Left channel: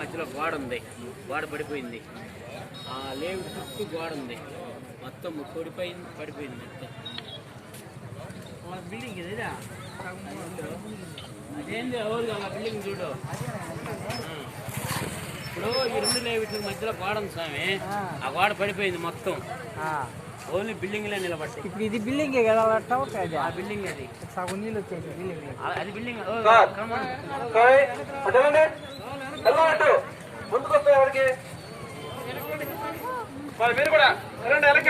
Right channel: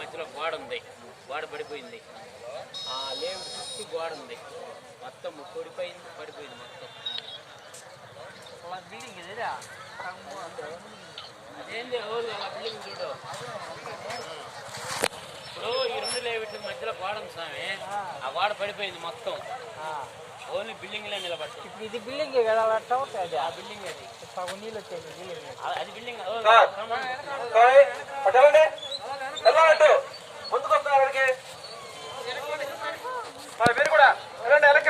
మధ్యలో గోడ ఉంది, గోడ పడిపోయింది. లేఅవుట్ చుట్టూ గోడ ఉంది, మొత్తం పడిపోయింది మొత్తం. అదేంది అవును అలా బిల్డింగ్ చూడు. ఇప్పుడు ఈ రెండు లేఅవుట్ల మధ్యలో గోడ ఉంది స్వామి, ఆ గోడ పడిపోయింది మొత్తం. ఓన్లీ బిల్డింగ్ లో నిలబట్టి. ఇప్పుడు ఇది బిల్డింగ్ కదా, ఆ బిల్డింగ్ అది సగం నీళ్ళు వచ్చేది బిల్డింగ్, అది బిల్డింగ్. ముందుకు వస్తాయి